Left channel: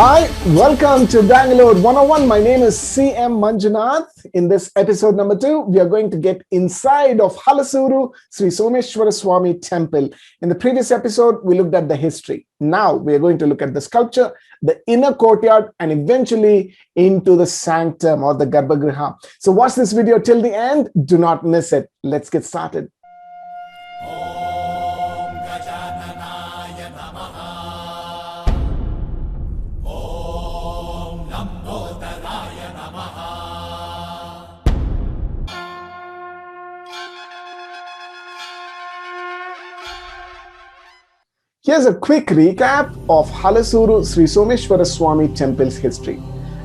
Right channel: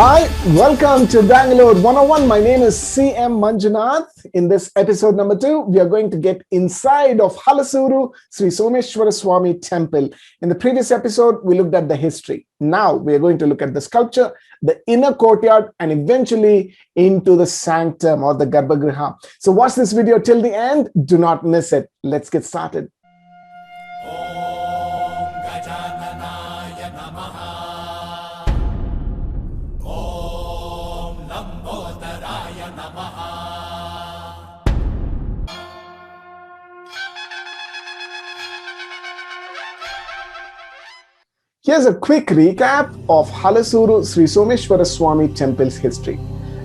Hi, welcome to Bangalore 101. My name is CM Manjunath. In this episode number 2, we are going to get inside of Halasuru Someshwara Swami Temple. In the previous episode, we looked at the history. Now we are going to look at the sculpture, the inner courtyard, and eventually into the sanctum or the Garbhagriha. So watch this video till the end. Do not miss it. Let's get started. Here's a quick recap of Halasuru Someshwara Swami Temple's history.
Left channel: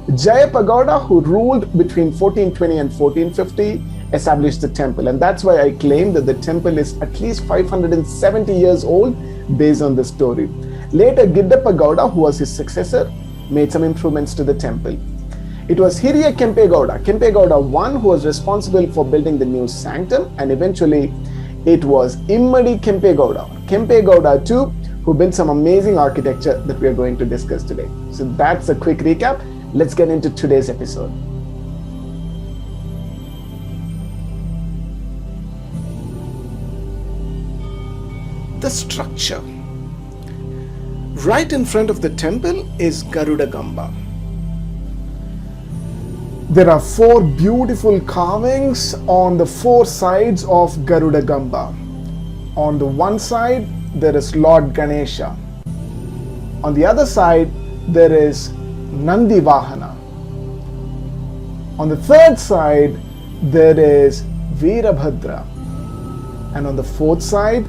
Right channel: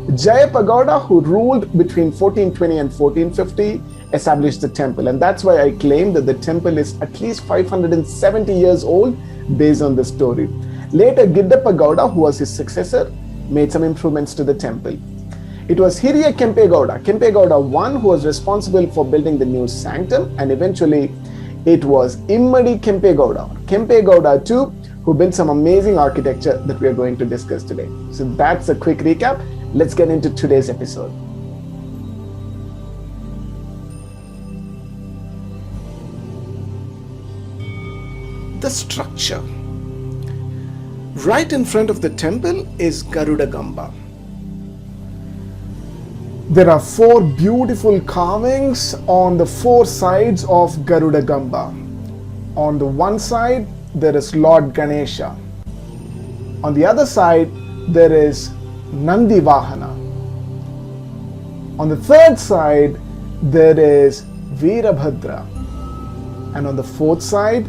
Jayapagoda, who ruled between 1420 and 1450, established the temple, and that's why I claim that the temple is at least 570 years old based on this story. Later, Giddapagoda, who was his successor, made some improvements to the temple. It was Hiriya Kempegowda I, who was responsible for building the new sanctum, and eventually it was Immadi Kempegowda II, who built some amazing architecture that we are going to discuss today. So that's a quick recap. Let's get into today's episode. The structure. Right in front of the temple is Garuda Gamba. There are 4 beautiful carvings on the 4 sides of Garuda Gamba. On the one side, there is Lord Ganesha. On the other side, there is Nandi Vahana. On the third side, there is Veerabhadra. And on the 4th side,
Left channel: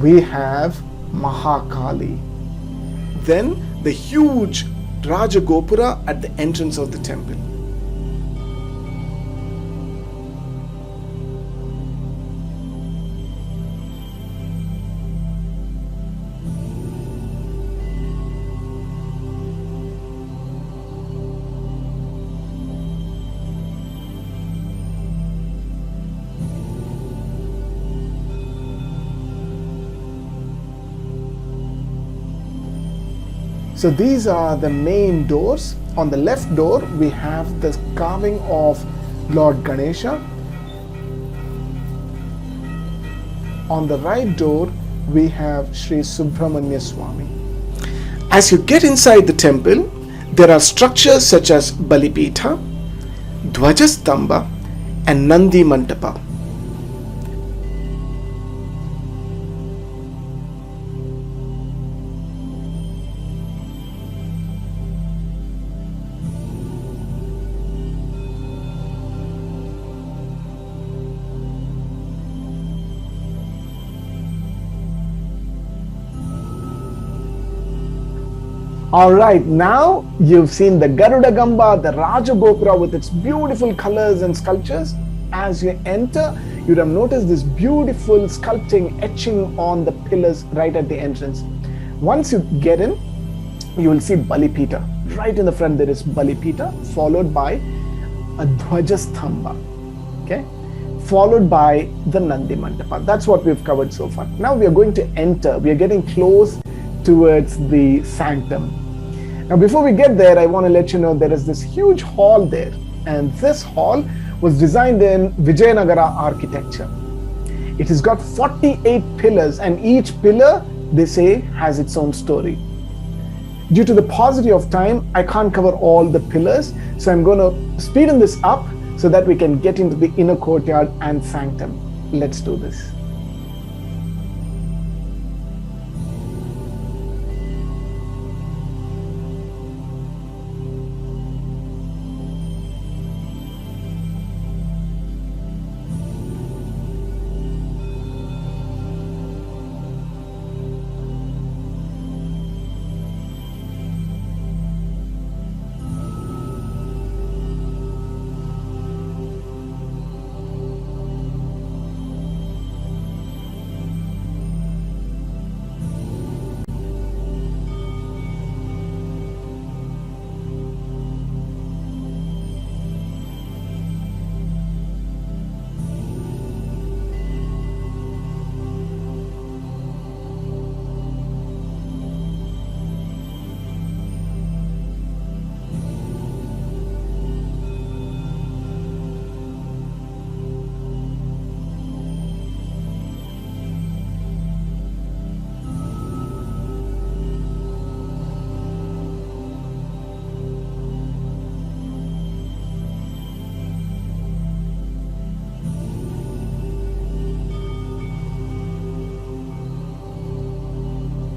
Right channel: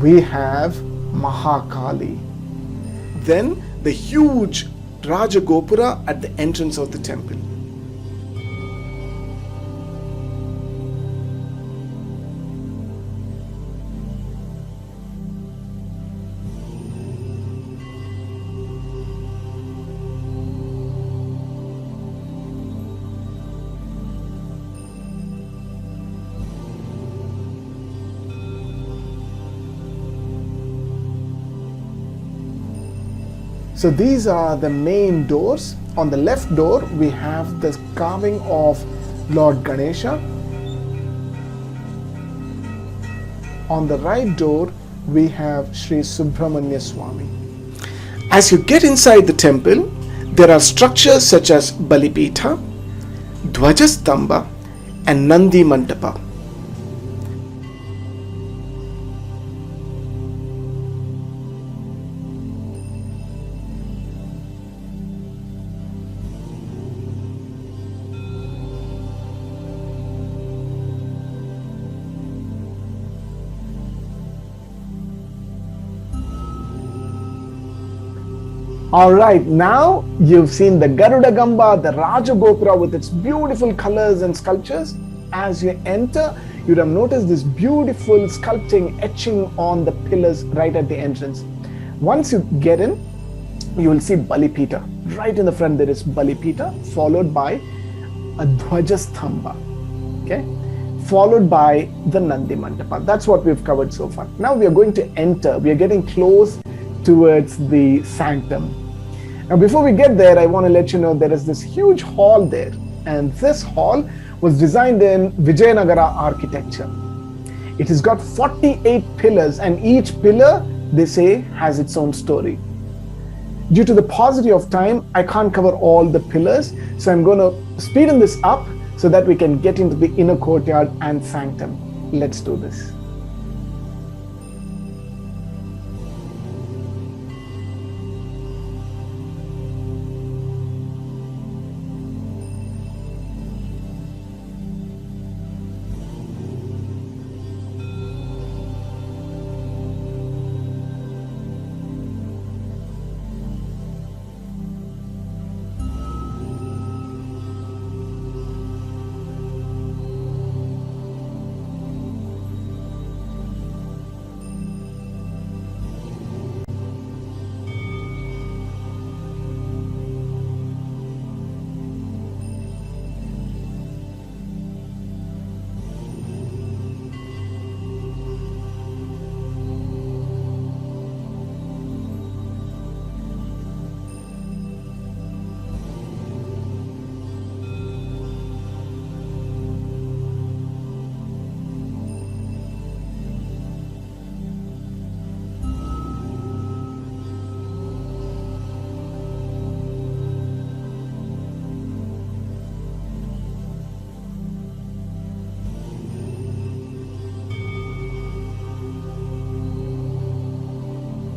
we have Maha Kali. Then the huge Raja Gopura at the entrance of the temple. So these are the main doors. On the left door, we have the carving of Lord Ganesha. On the right door, we have Sri Subramanya Swami. As you get inside the temple, there are structures such as Balipitha, Dvajastamba, and Nandi Mantapa. Alright, now you've seen the Garuda Gamba, the Raja Gopura with its beautiful colors and sculptures. As you enter, you'd have noticed this beautiful sculpting etching on the pillars right at the entrance. Once you get in, you will see Balipita. Right in the front there is Balipita, followed by a Dvajastamba, okay? Followed by the Nandi Mantapa. That's what we've covered so far. Now we are going to enter. We are getting close towards the sanctum. Now before we get there, I want to let you know there is this huge hall there, and this hall was designed in Vijayanagara architecture. It has got 48 pillars, and each pillar, they say, has its own story. Due to the paucity of time, I can't cover all the pillars, so I'm going to speeden this up so that we can get into the inner courtyard and sanctum. Let's do this.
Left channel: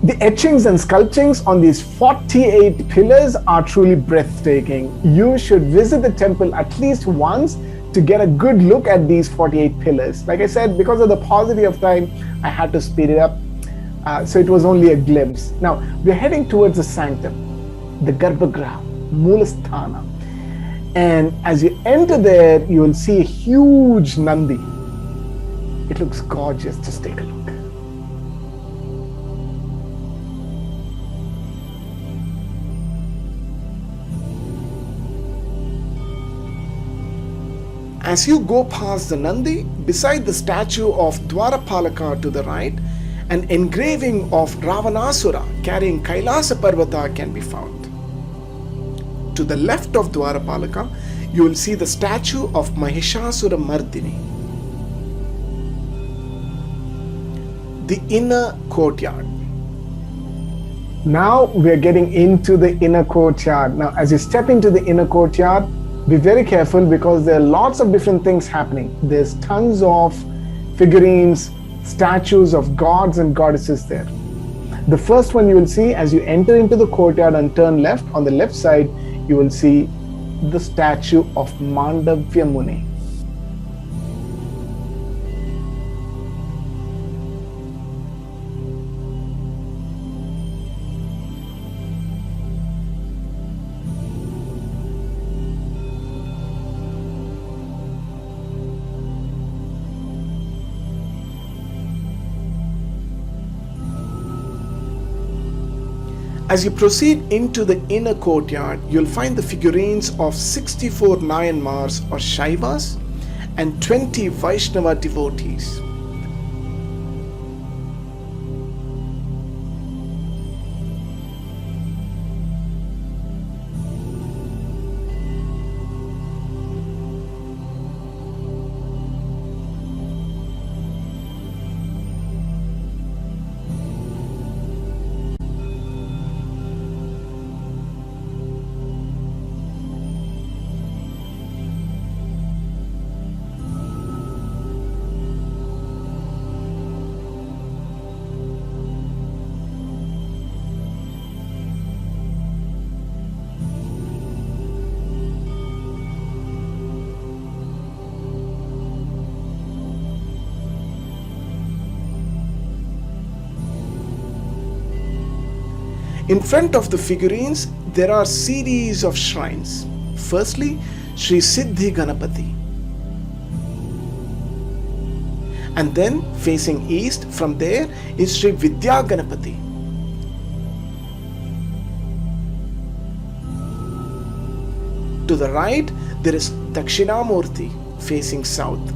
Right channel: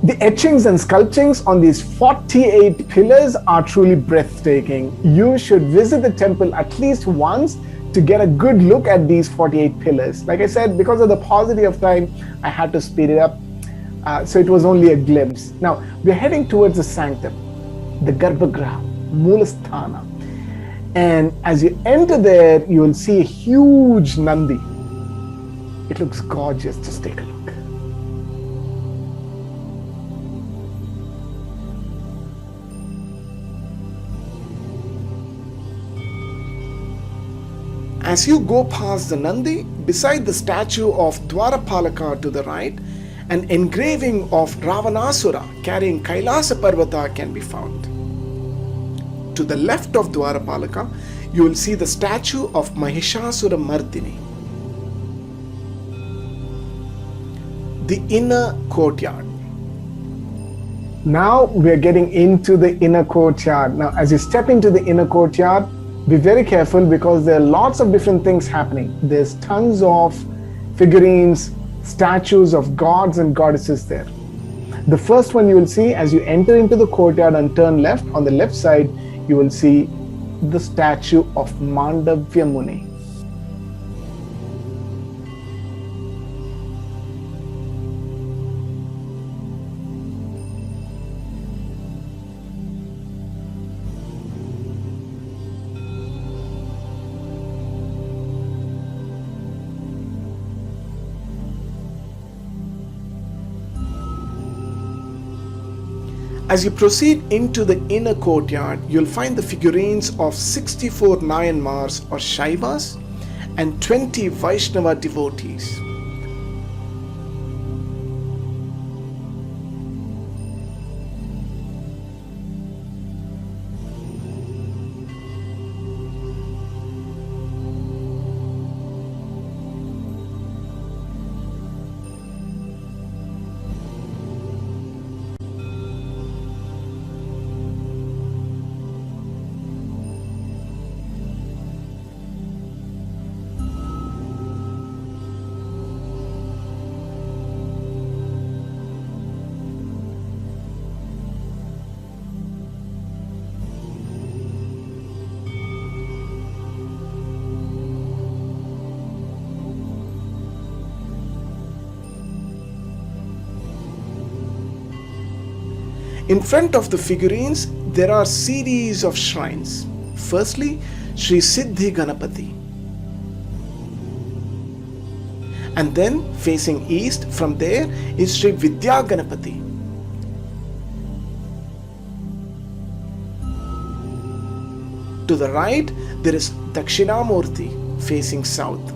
The etchings and sculptings on these 48 pillars are truly breathtaking. You should visit the temple at least once to get a good look at these 48 pillars. Like I said, because of the paucity of time, I had to speed it up. So it was only a glimpse. Now, we're heading towards the sanctum, the Garbhagriha, Moolasthana. And as you enter there, you will see a huge Nandi. It looks gorgeous. Just take a look. As you go past the Nandi, beside the statue of Dwarapalaka to the right, an engraving of Ravanasura carrying Kailasa Parvata can be found. To the left of Dwarapalaka, you will see the statue of Mahishasura Mardini. The Inner Courtyard. Now we are getting into the Inner Courtyard. Now as you step into the Inner Courtyard, be very careful because there are lots of different things happening. There's tons of figurines, statues of gods and goddesses there. The first one you will see as you enter into the courtyard and turn left, on the left side, you will see the statue of Mandavya Muni. As you proceed into the inner courtyard, you'll find the figurines of 64 Nayanmars or Shaivas and 20 Vaishnava devotees. In front of the figurines, there are series of shrines. Firstly, Sri Siddhi Ganapati. And then facing east, from there is Sri Vidya Ganapati. To the right, there is Dakshinamurti facing south.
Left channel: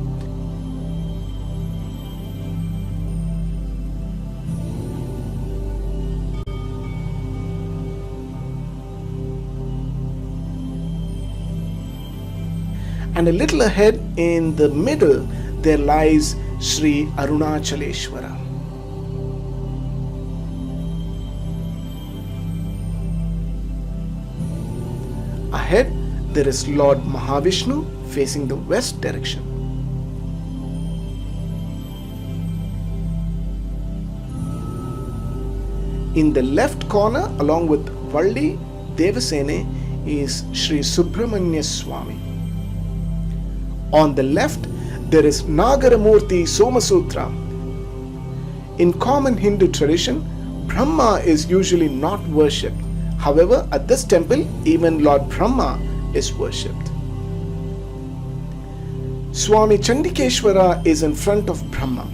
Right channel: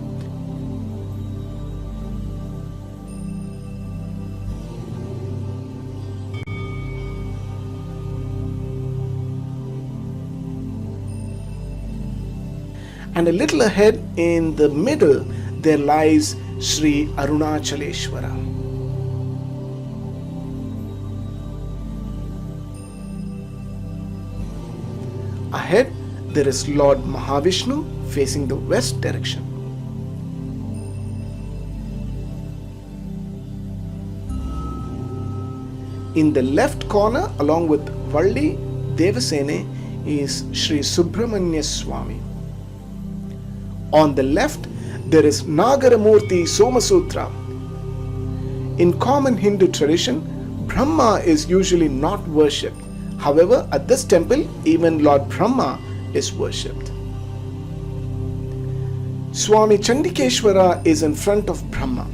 And a little ahead in the middle, there lies Sri Arunachaleshwara. Ahead, there is Lord Mahavishnu facing the west direction. In the left corner, along with Valli Devasene, is Sri Subramanya Swami. On the left, there is Nagaramurti Somasutra. In common Hindu tradition, Brahma is usually not worshipped. However, at this temple, even Lord Brahma is worshipped. Swami Chandikeshwara is in front of Brahma.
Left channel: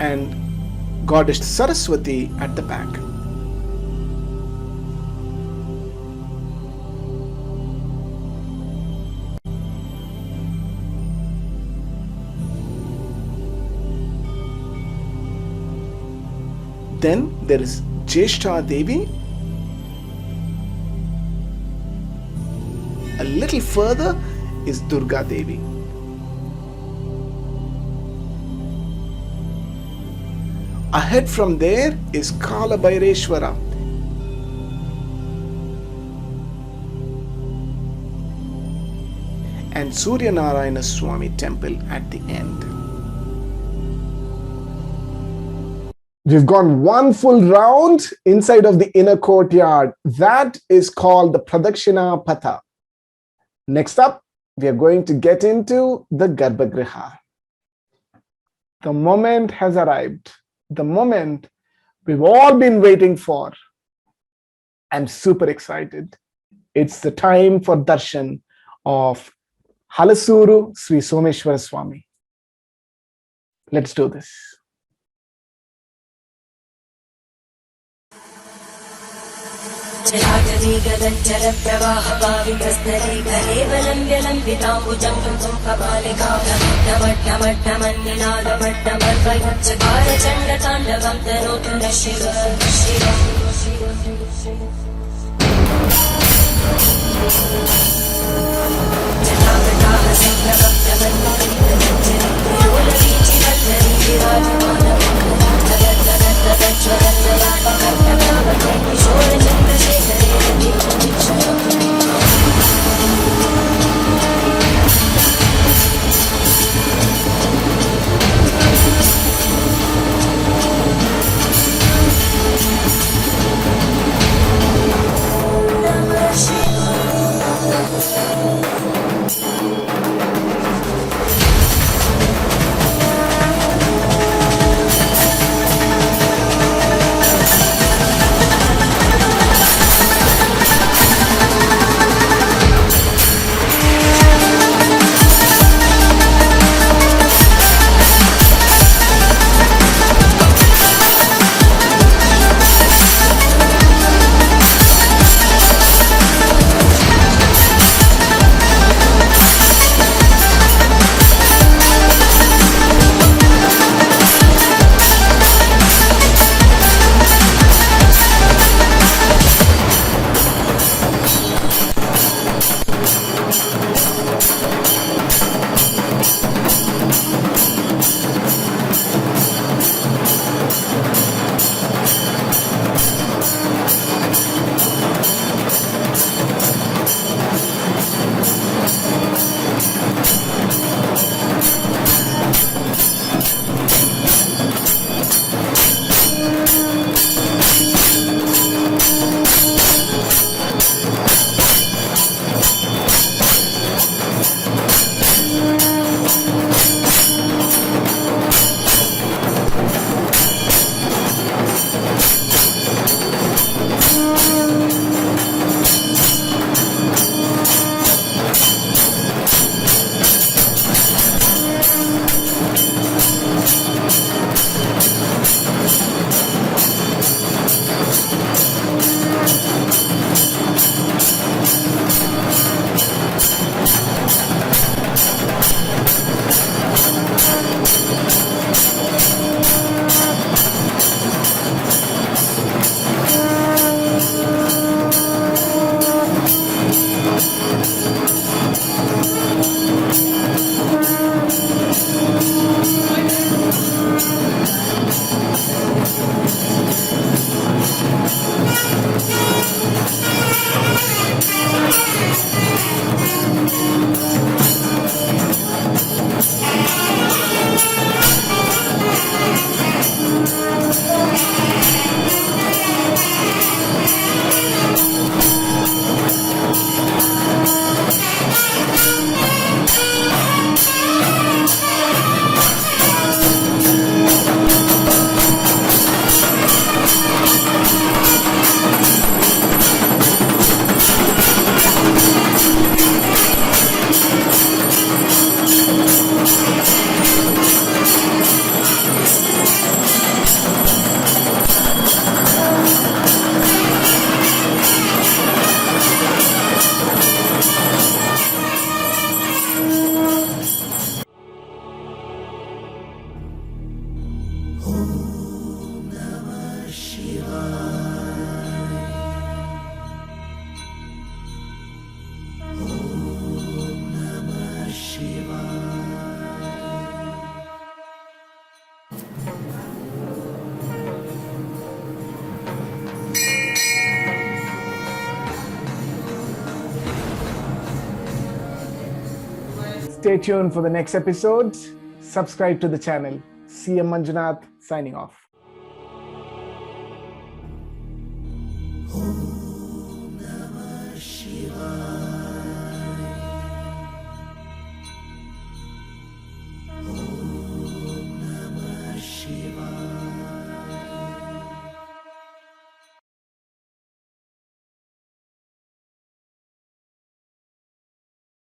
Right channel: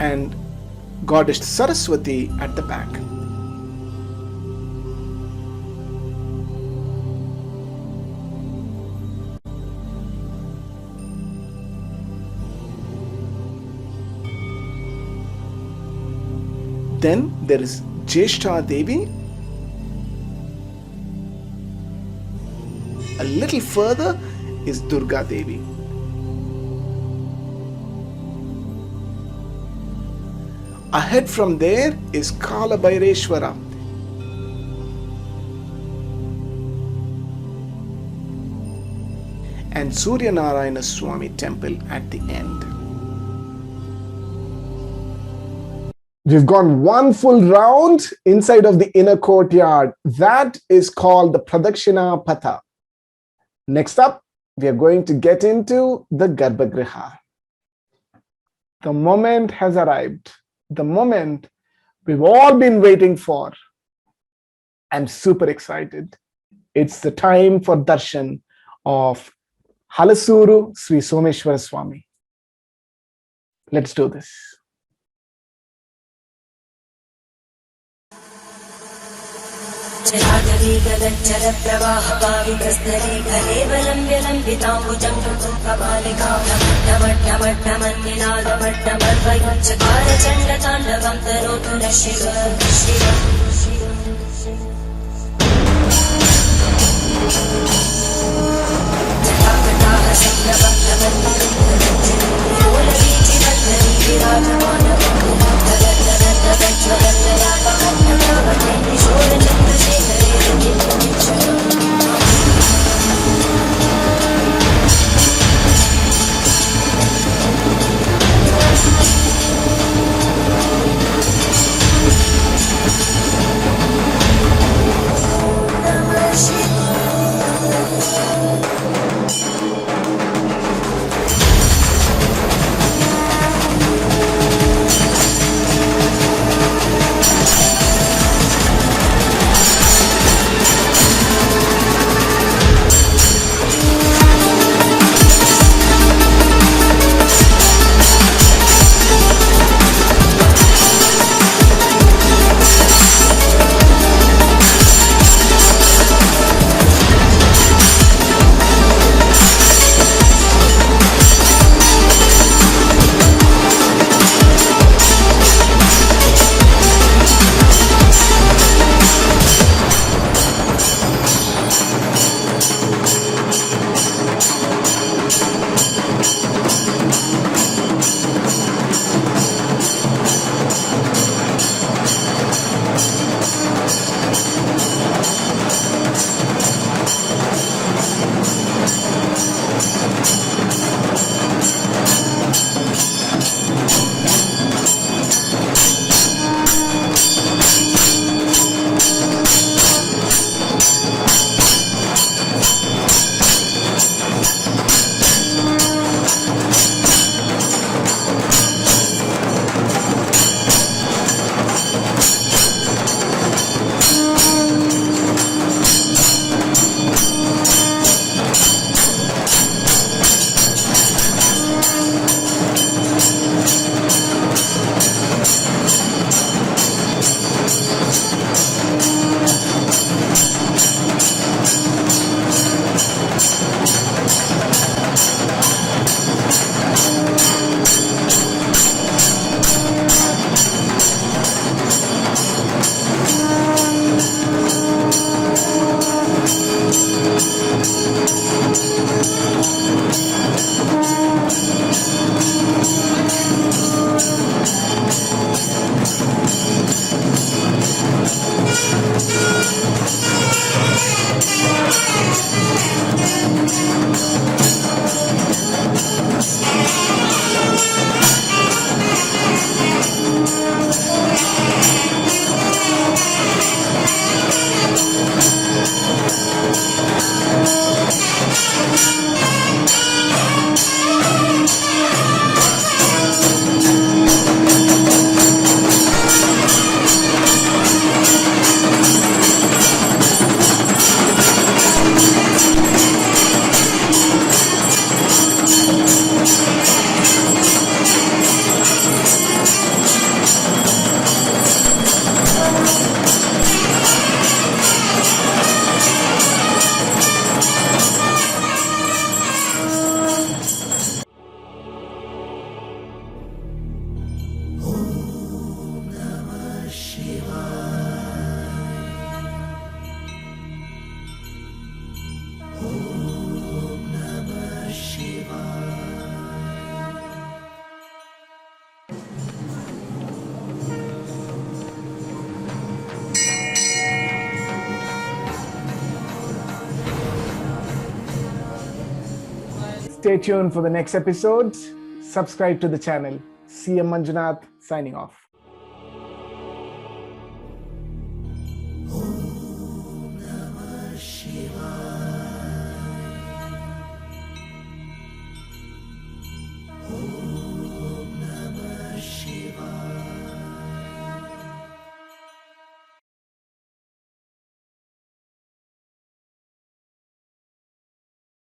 And Goddess Saraswati at the back. Then there is Jeshta Devi. A little further is Durga Devi. Ahead from there is Kala Bhaireshwara. and Suryanarayana Swami Temple at the end. We've gone one full round inside of the inner courtyard. That is called the Pradakshina Patha. Next up, we are going to get into the Garbhagriha. The moment has arrived. The moment we've all been waiting for. I'm super excited. It's the time for darshan of Halasuru Someshwara Swami. Let's do this. Stay tuned for the next episode. Subscribe to the channel. CM Manjunath signing off.